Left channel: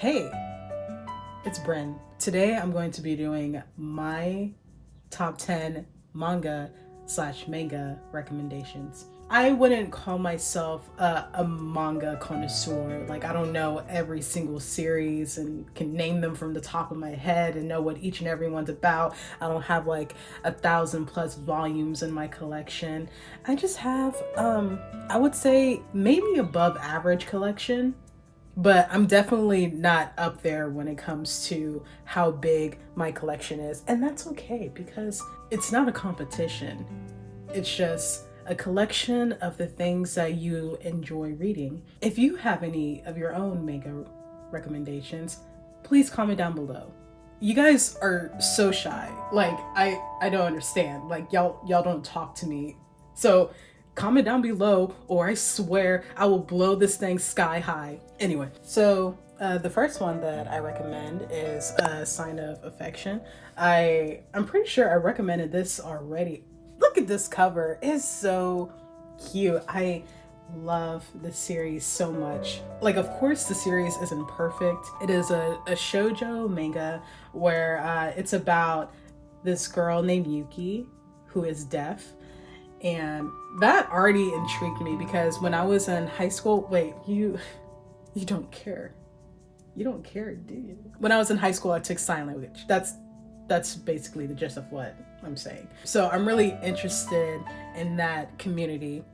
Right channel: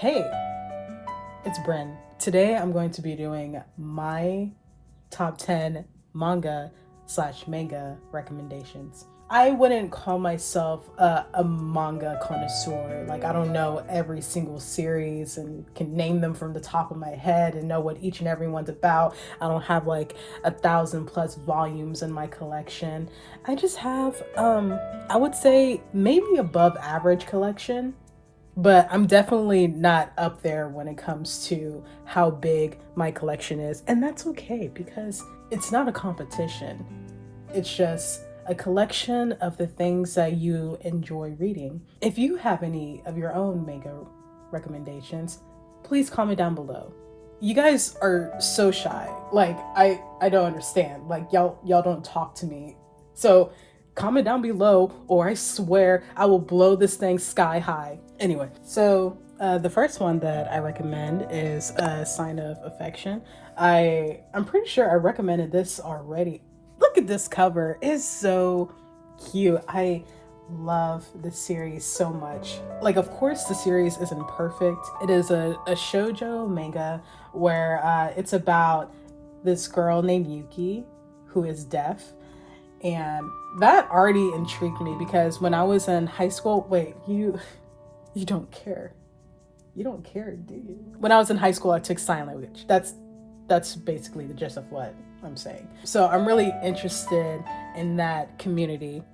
Hey, it's Bryn. Today I'm going to be doing my top 10 manga/manga recommendations. I wouldn't call myself a manga connoisseur. Like, I don't know every single series and can name them from the top of my head and know what each and every one's about. I don't have like 1,000+ volumes in my collection. I just have, I would say maybe above average collection, but I'm definitely not up there when it comes to how big my collection is. And that's okay because it's not a competition. It's just a collection of the things that you enjoy reading. If you have any of your own manga recommendations, please comment down below. You guys are so shy. Like, I don't understand. Like, y'all don't talk to me. So comment down below or I swear I will blow this thing sky high. Anyway, so the first one that I recommend is A Sign of Affection. I'm pretty sure I recommended this already. Look at this cover. It's so cute. I love this series so much. Like, of course the series isn't perfect. It is a shoujo manga where it's about this girl named Yuki who is deaf. And that already intrigued me because when I was in high school, wait, you don't care. You don't care, do you? When I was in high school, I took sign language. That's basically the gist of what I'm saying. So I'm really interested in that community.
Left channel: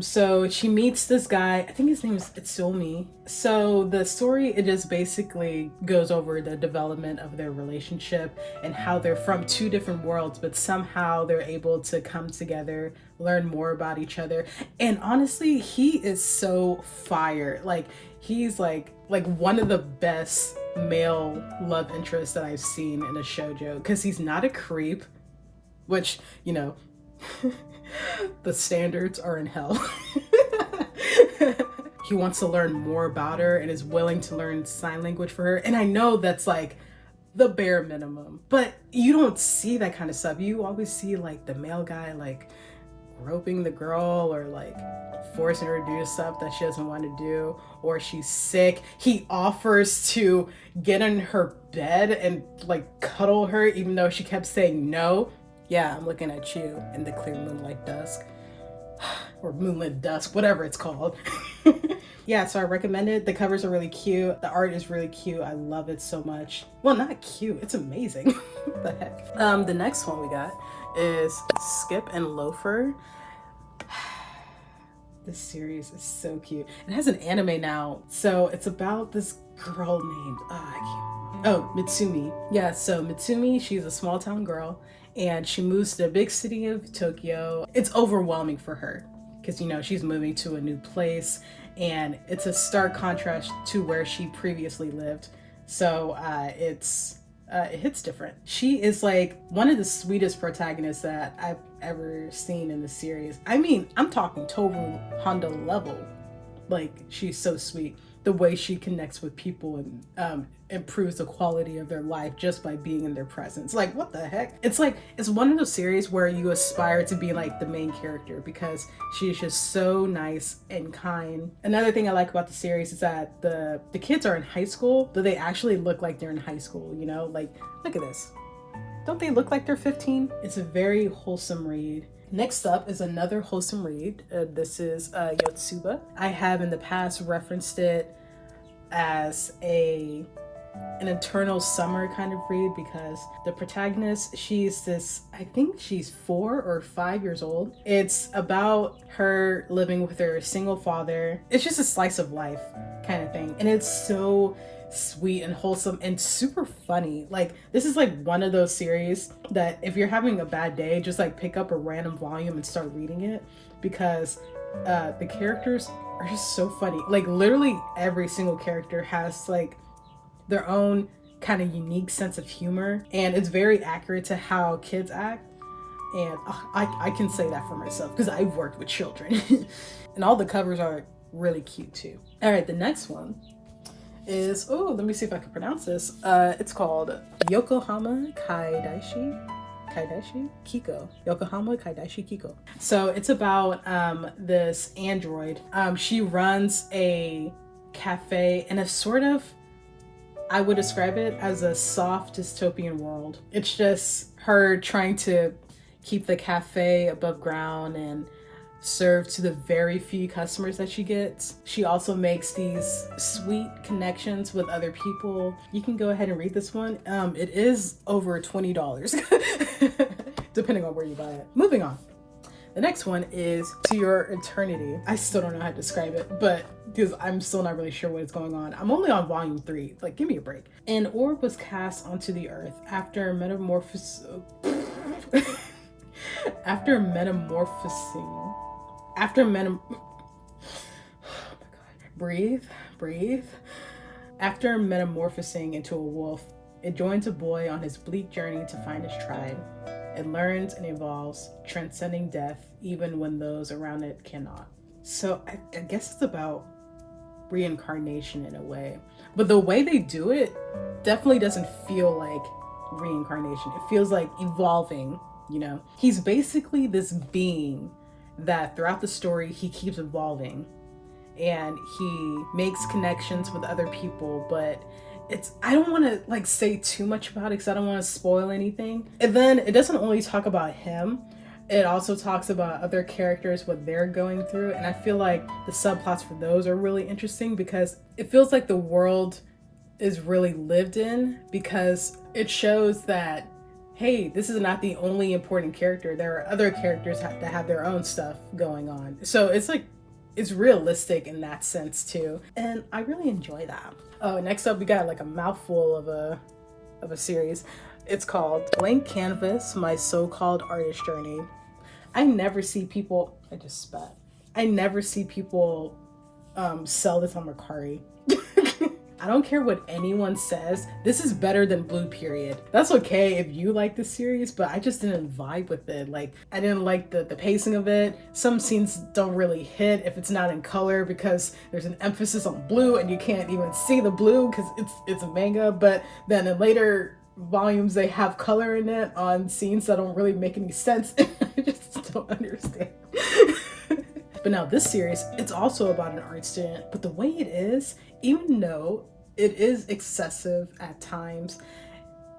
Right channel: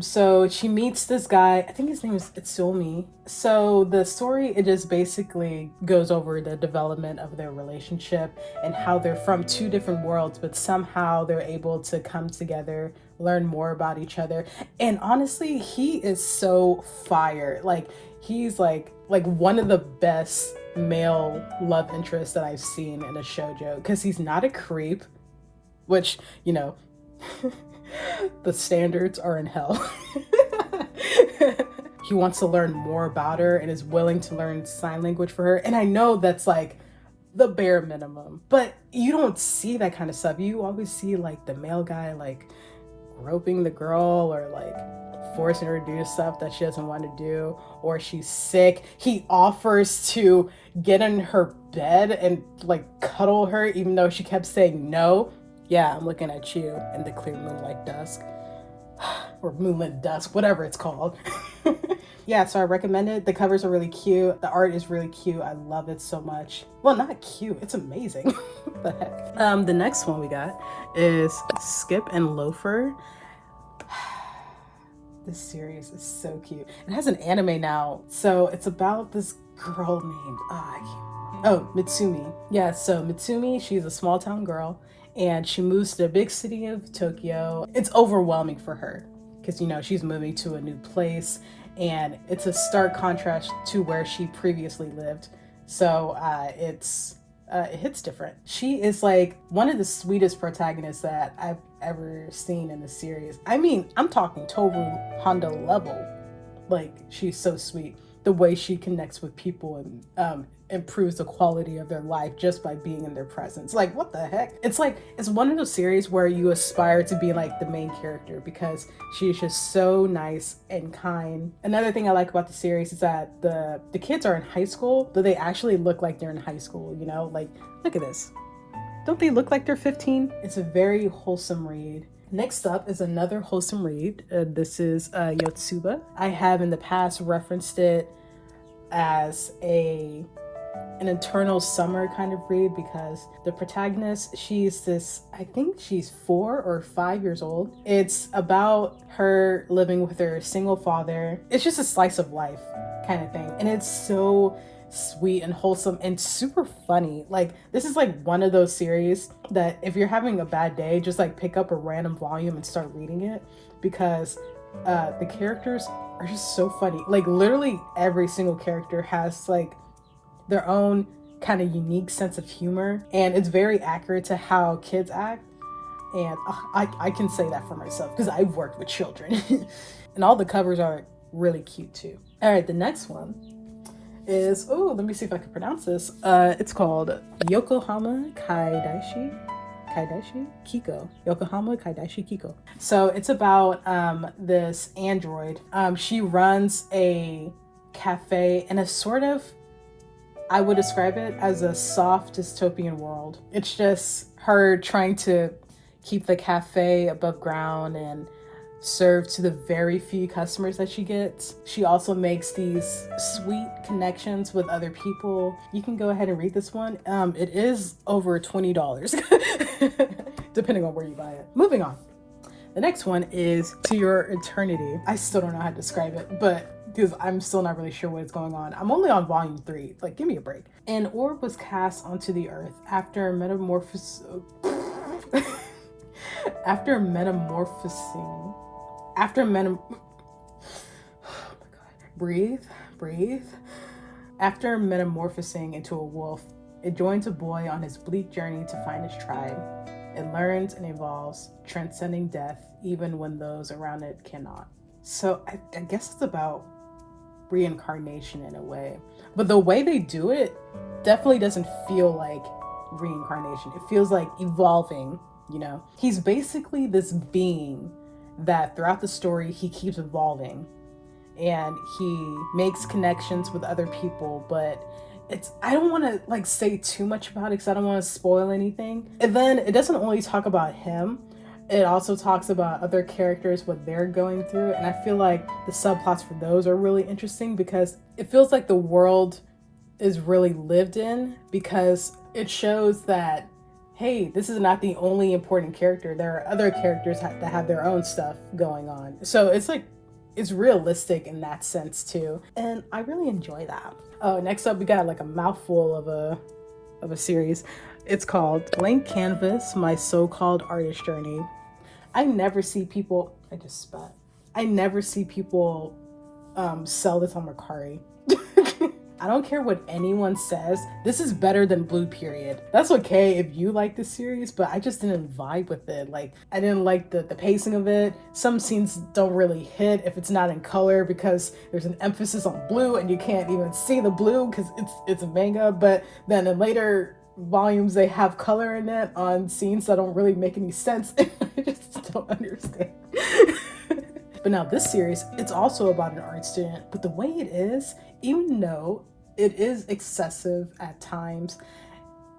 So she meets this guy, I think his name is Itsumi. So the story, it just basically goes over the development of their relationship and how they're from two different worlds, but somehow they're able to come together, learn more about each other. And honestly, he is so fire. Like, he's like one of the best male love interests that I've seen in a shoujo, because he's not a creep, which, you know, the standards are in hell. He wants to learn more about her and is willing to learn sign language for her. And I know that's like the bare minimum, but you don't see that kind of stuff. You always see like the male guy like groping the girl or like forcing her to do stuff that she doesn't want to do, or she's sick. He offers to get in her bed and like cuddle her even though she kept saying no. Yeah, I'm looking at you in the clear moonlight dusk. Or moonlit dusk, whatever it's called. Yeah, so I recommend it. The covers are really cute. The art is really cute. I love it so much. Well, not cute, it's amazing. What the heck? The next one we got is Skip and Loafer. This series is so cute. It has an anime now. So it's about this girl named Mitsumi. Yeah, so Mitsumi, she's a small town girl and she moves to the big city of Tokyo. It's overwhelming for her because, you know, she's moving to a new place and it's a stark contrast to where she previously lived. So it hits different. She is like one of the sweetest protagonists that I've ever seen in the series. I mean, I'm talking Toru Honda level. Like, she's so sweet. The way she connects with people and improves the quality of their life just by being in their presence. Like, what the heck? It's like, it's one of those series where you aspire to be like the main character because she's just so nice and kind. Another thing I like about the series is that the kids are in high school, but they actually look like they're in high school, you know? Like, look at this. Don't they look like they're 15? It's a very wholesome read. Next up is another wholesome read. This is Yotsuba. I have in the past referenced it as an eternal summer kind of read because the protagonist, she's this, I think she's 4 or 5 years old. It's about her living with her single father. It's just a slice of life kind of thing. And it's so sweet and wholesome and super funny. Like, this is like one of those series that if you're having a bad day, just like pick up a random volume and start reading it because the characters are just so funny. Like, literally every single character has like their own kind of unique sense of humor and it's very accurate to how kids act. And I can say that for myself because I've worked with children. And all the covers are really cute too. All right, the next one is, oh, let me see if I can pronounce this. It's called Yokohama Kaidaishi Kiko. Yokohama Kaidaishi Kiko. So it's about this android. She runs a cafe and a sort of I would describe it as a soft dystopian world. It's just her trying to keep the cafe above ground and serve to the very few customers that she gets. She also makes these sweet connections with other people. You can go ahead and read this one. It is over $20 depending on where you buy it. Moving on. The next one is To Your Eternity. I still don't know how to describe it, but because I'm still not really sure what is going on. I'm only on volume 3. Like, give me a break. An orb was cast onto the earth after metamorphosing. After metamorphosing. Breathe. After metamorphosing into a wolf, it joins a boy on his bleak journey to find his tribe. It learns and evolves, transcending death, even when those around it cannot. So I guess it's about reincarnation in a way. But the way they do it definitely doesn't feel like reincarnation. It feels like evolving, you know? He's basically this being that throughout the story, he keeps evolving. And he makes connections with other people, but I don't want to like say too much about it because I don't want to spoil anything. And then it doesn't only talk about him, it also talks about other characters, what they're going through. And I feel like the subplots for those are really interesting because it feels like the world is really lived in, because it shows that, hey, this is not the only important character. There are other characters that have their own stuff going on. So it's like, it's realistic in that sense too. And I really enjoy that. Next up, we got like a mouthful of a series. It's called Blank Canvas, My So-Called Artist Journey. I never see people sell this on Mercari. I don't care what anyone says. This is better than Blue Period. That's okay if you like the series, but I just didn't vibe with it. Like, I didn't like the pacing of it. Some scenes don't really hit if it's not in color because there's an emphasis on blue and you can't even see the blue because it's a manga. But then in later volumes, they have color in it on scenes that don't really make any sense. I just don't understand. But now this series, it's also about an art student, but the way it is, even though it is excessive at times,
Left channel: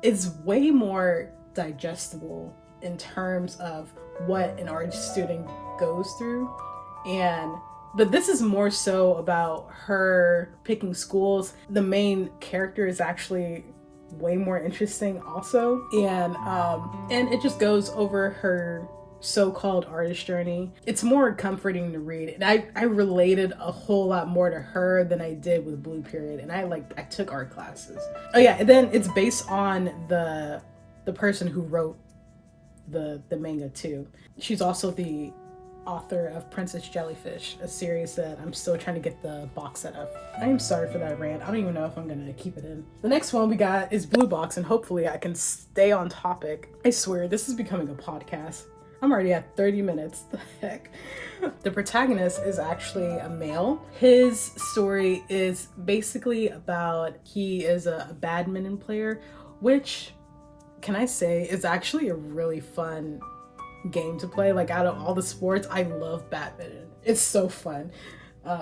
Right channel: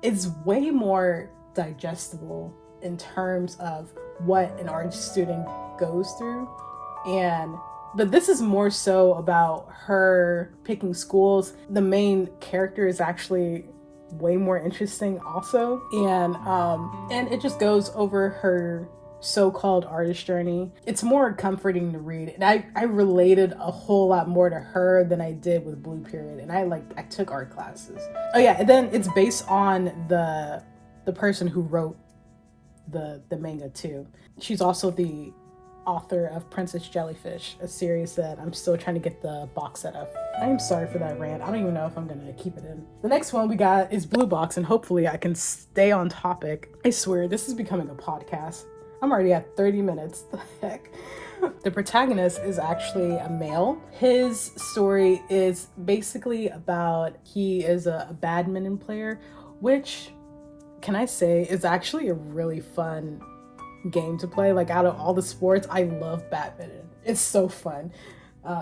it's way more digestible in terms of what an art student goes through. But this is more so about her picking schools. The main character is actually way more interesting also. And it just goes over her so-called artist journey. It's more comforting to read, and I related a whole lot more to her than I did with Blue Period, and I took art classes. Oh yeah, and then it's based on the person who wrote the manga too. She's also the author of Princess Jellyfish, a series that I'm still trying to get the box set up. I'm sorry for that rant. I don't even know if I'm gonna keep it in. The next one we got is Blue Box, and hopefully I can stay on topic. I swear, this is becoming a podcast. I'm already at 30 minutes. The heck? The protagonist is actually a male. His story is basically about, he is a badminton player, which, can I say, is actually a really fun game to play. Like, out of all the sports, I love badminton. It's so fun.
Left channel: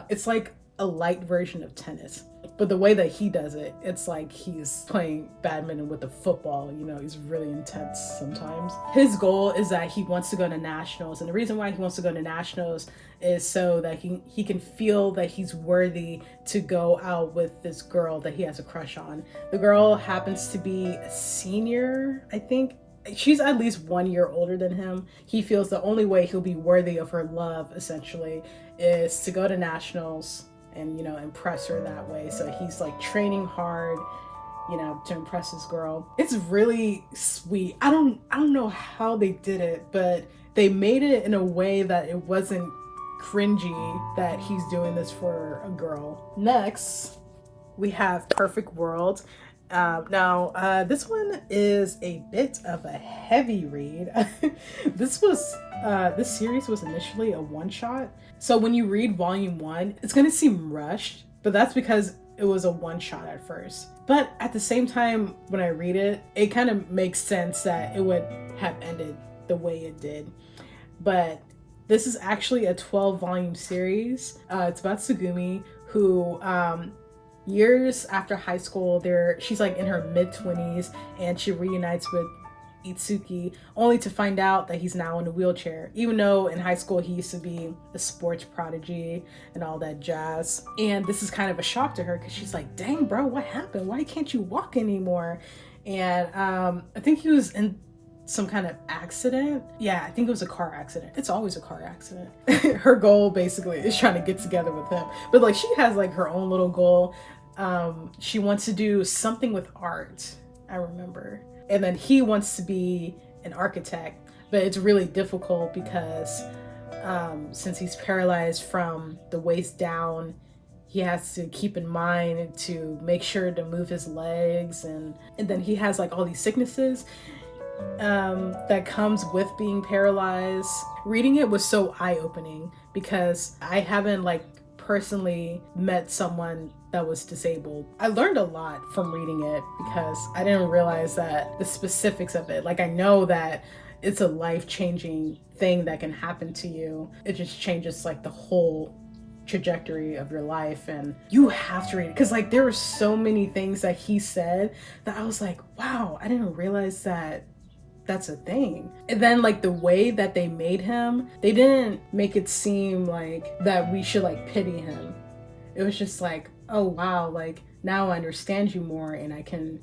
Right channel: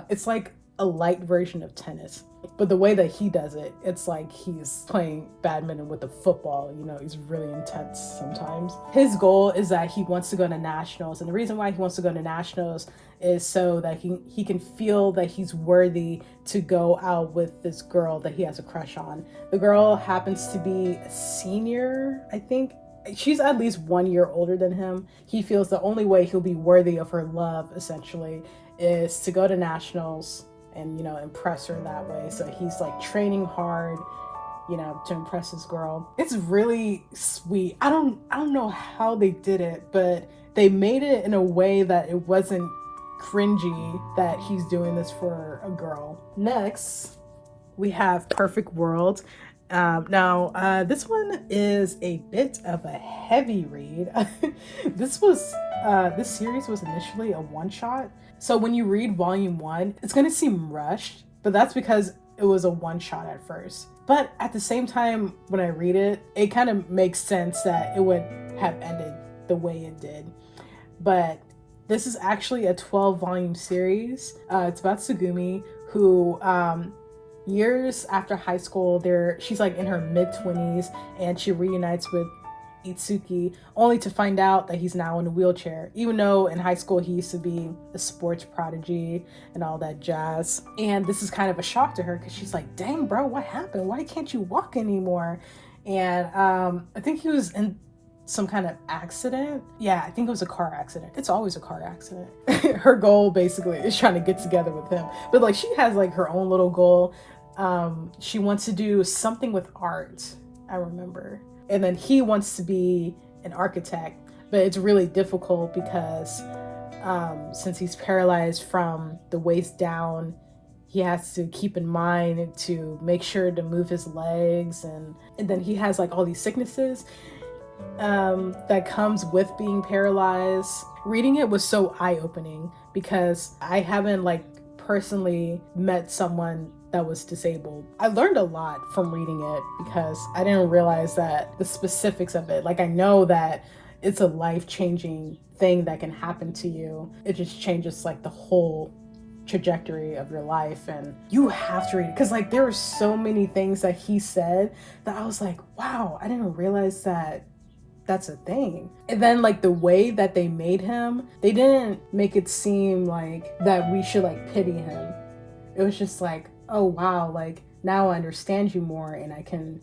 It's like a light version of tennis. But the way that he does it, it's like he's playing badminton with a football. You know, he's really intense sometimes. His goal is that he wants to go to nationals. And the reason why he wants to go to nationals is so that he can feel that he's worthy to go out with this girl that he has a crush on. The girl happens to be a senior, I think. She's at least 1 year older than him. He feels the only way he'll be worthy of her love, essentially, is to go to nationals and, you know, impress her that way. So he's like training hard, you know, to impress this girl. It's really sweet. I don't know how they did it, but they made it in a way that it wasn't cringy that he's doing this for a girl. Next, we have Perfect World. This one is a bit of a heavy read. This series was initially a one-shot. So when you read volume 1, it's going to seem rushed, but that's because it was a one-shot at first. But at the same time, when I read it, it kind of makes sense that it would have ended the way it did. But this is actually a 12-volume series. It's about Tsugumi, who Years after high school, she's like in her mid-20s, and she reunites with Itsuki, only to find out that he's now in a wheelchair, even though in high school he used to be a sports prodigy and all that jazz. And this is kind of a shock to her, because she's like, dang bro, what happened? Why can't you walk anymore? And I think he was in some kind of accident. Yeah, I think it was a car accident. It's always a car accident. Her goal basically is trying to get together with him, but like she has like her own little goal. She wants to do something with art, I remember. And then he wants to be an architect, but it's really difficult because since he's paralyzed from the waist down, he has to keep in mind to make sure to move his legs, and then he has like all these sicknesses that comes with being paralyzed. Reading it was so eye-opening because I haven't like personally met someone that was disabled. I learned a lot from reading it because I didn't realize that the specifics of it. Like I know that it's a life-changing thing that can happen to you. It just changes like the whole trajectory of your life, and you have to read it because like there were so many things that he said that I was like, wow, I didn't realize that that's a thing. And then like the way that they made him, they didn't make it seem like that we should like pity him. It was just like, oh wow, like now I understand you more and I can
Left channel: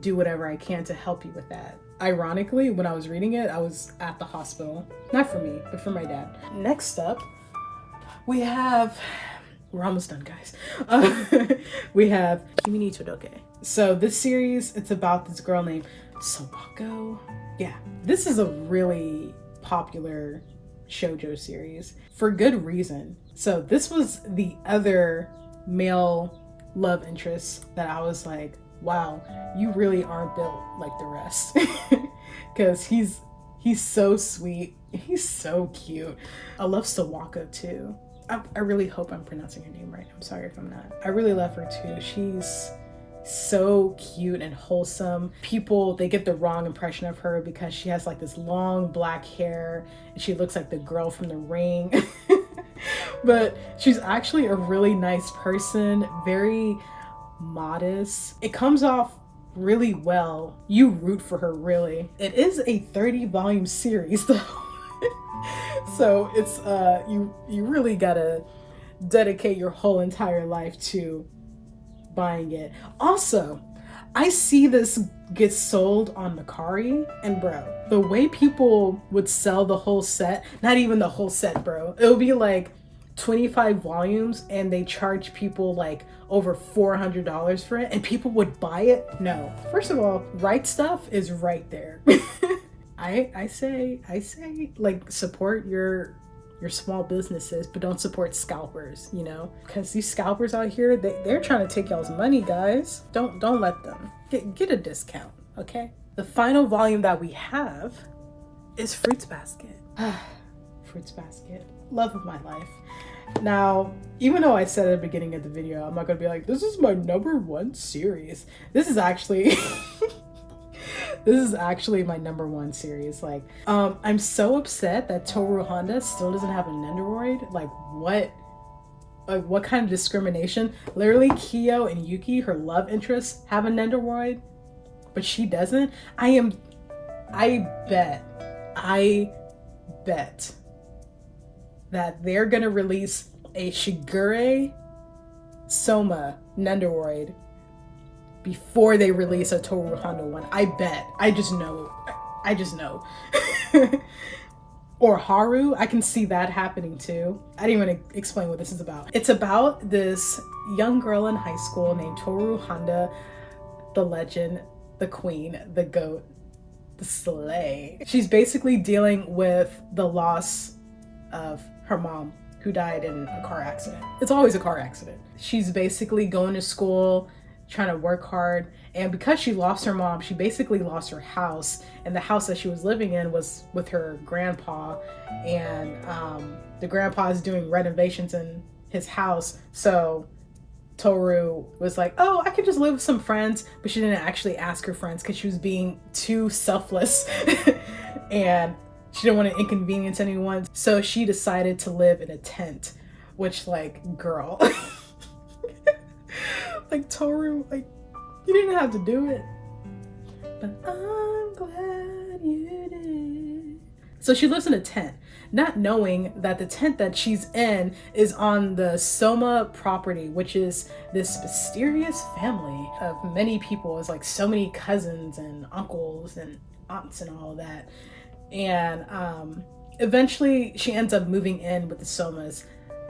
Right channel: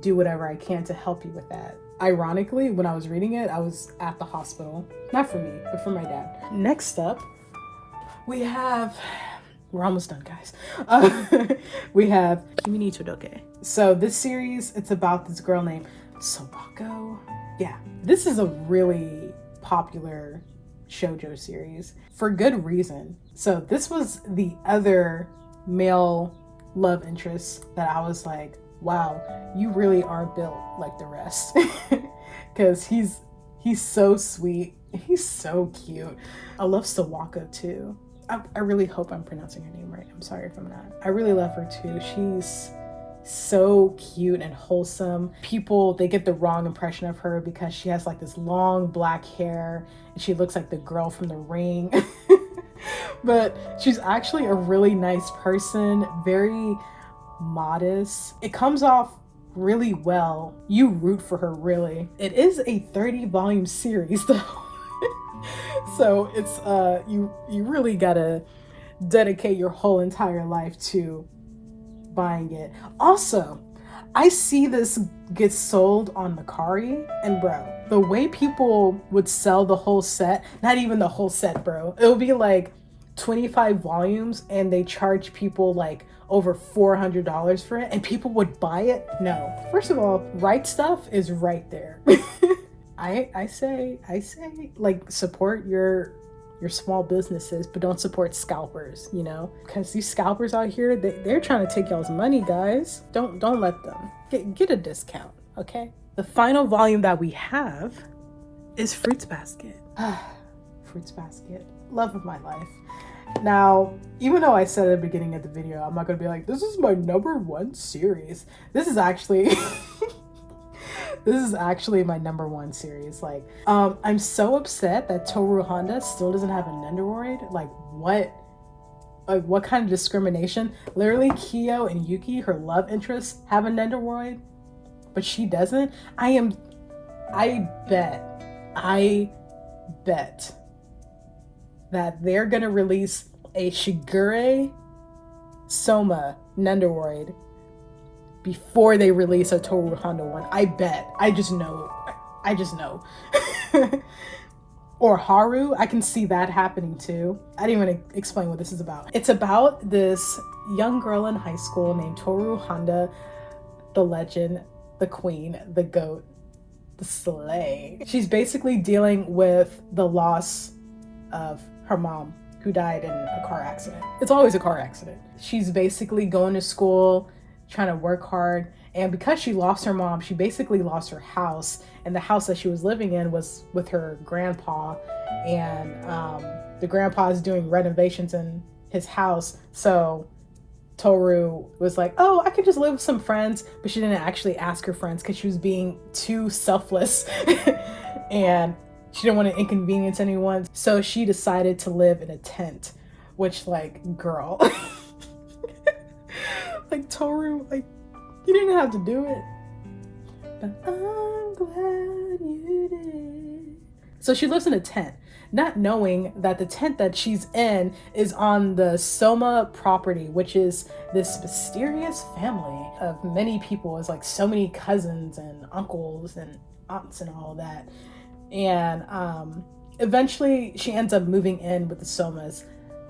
do whatever I can to help you with that. Ironically, when I was reading it, I was at the hospital. Not for me, but for my dad. Next up, we have, we're almost done guys. We have Kimi ni Todoke. So this series, it's about this girl named Sawaka. Yeah, this is a really popular shoujo series for good reason. So this was the other male love interest that I was like, wow, you really aren't built like the rest. Because he's so sweet, he's so cute. I love Sawaka too. I really hope I'm pronouncing her name right. I'm sorry if I'm not. I really love her too. She's so cute and wholesome. People, they get the wrong impression of her because she has like this long black hair and she looks like the girl from The Ring. But she's actually a really nice person, very modest. It comes off really well. You root for her, really. It is a 30-volume series though. So it's you really gotta dedicate your whole entire life to buying it. Also, I see this get sold on Mercari, and bro, the way people would sell the whole set, not even the whole set, bro. It would be like 25 volumes and they charge people like over $400 for it, and people would buy it. No. First of all, rightstuf is right there. I say like support your small businesses, but don't support scalpers, you know, because these scalpers out here, they're trying to take y'all's money, guys. Don't let them get a discount. Okay, the final volume that we have is Fruits Basket. Fruits Basket, love of my life. Now, even though I said at the beginning of the video, I'm not gonna be like, this is my #1 series. This is actually this is actually my #1 series. Like, I'm so upset that Toru Honda still doesn't have a Nendoroid. Like, what kind of discrimination? Literally, Kyo and Yuki, her love interests, have a Nendoroid, but she doesn't. I bet that they're gonna release a Shigure Soma Nendoroid before they release a Toru Honda one. I bet. I just know. Or Haru, I can see that happening too. I didn't even explain what this is about. It's about this young girl in high school named Toru Honda, the legend, the queen, the goat, the slay. She's basically dealing with the loss of her mom, who died in a car accident. It's always a car accident. She's basically going to school, trying to work hard, and because she lost her mom, she basically lost her house, and the house that she was living in was with her grandpa, and the grandpa's doing renovations in his house. So Toru was like, oh, I could just live with some friends, but she didn't actually ask her friends because she was being too selfless and she didn't want to inconvenience anyone. So she decided to live in a tent, which, like, girl. Like, Toru, like, you didn't have to do it. But I'm glad you did. So she lives in a tent, not knowing that the tent that she's in is on the Soma property, which is this mysterious family of many people. It's like so many cousins and uncles and aunts and all that. And eventually she ends up moving in with the Somas,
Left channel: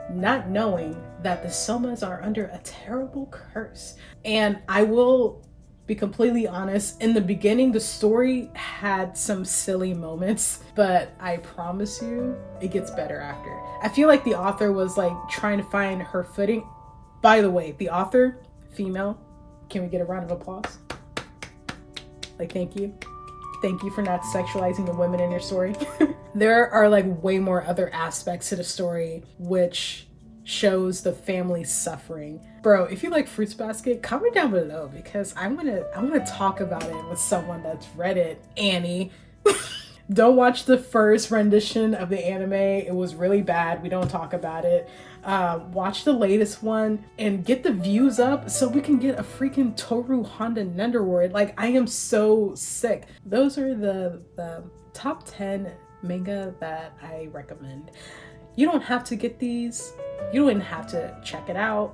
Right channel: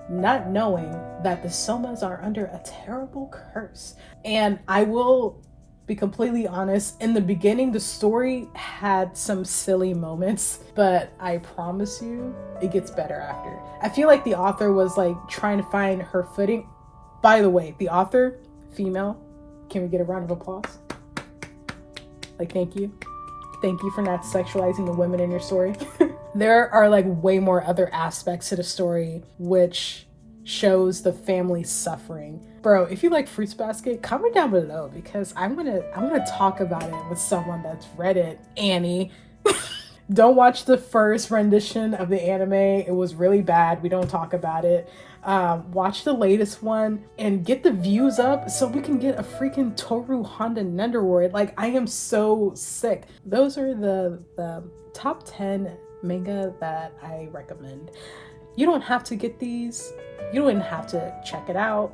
not knowing that the Somas are under a terrible curse. And I will be completely honest, in the beginning the story had some silly moments, but I promise you it gets better after. I feel like the author was like trying to find her footing. By the way, the author, female. Can we get a round of applause? Like, thank you for not sexualizing the women in your story. There are like way more other aspects to the story which shows the family suffering. Bro, if you like Fruits Basket, comment down below, because I'm gonna talk about it with someone that's read it. Annie. Don't watch the first rendition of the anime. It was really bad. We don't talk about it. Watch the latest one and get the views up so we can get a freaking Toru Honda Nenderward. Like, I am so sick. Those are the top 10 manga that I recommend. You don't have to get these. You don't even have to check it out.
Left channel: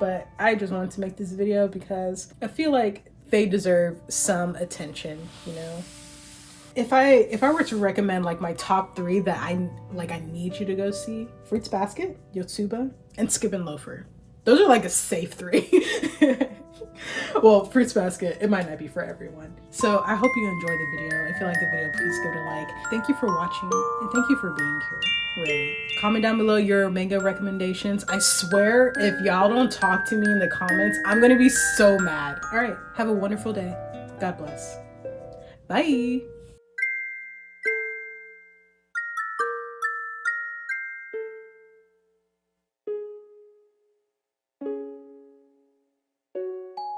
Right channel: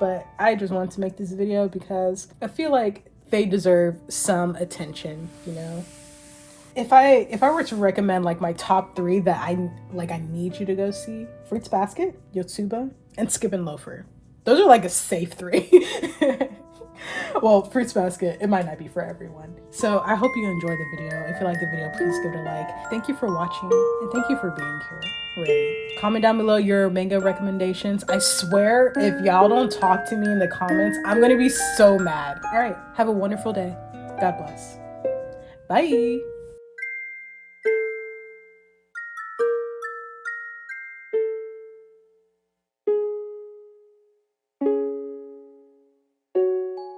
But I just wanted to make this video because I feel like they deserve some attention, you know? If I were to recommend like my top 3 that I need you to go see: Fruits Basket, Yotsuba, and Skippin' Loafer. Those are like a safe 3. Well, Fruits Basket, it might not be for everyone. So I hope you enjoy the video. If you like the video, please give it a like. Thank you for watching, and thank you for being here. Really. Comment down below your manga recommendations. I swear, if y'all don't talk to me in the comments, I'm gonna be so mad. All right, have a wonderful day. God bless. Bye.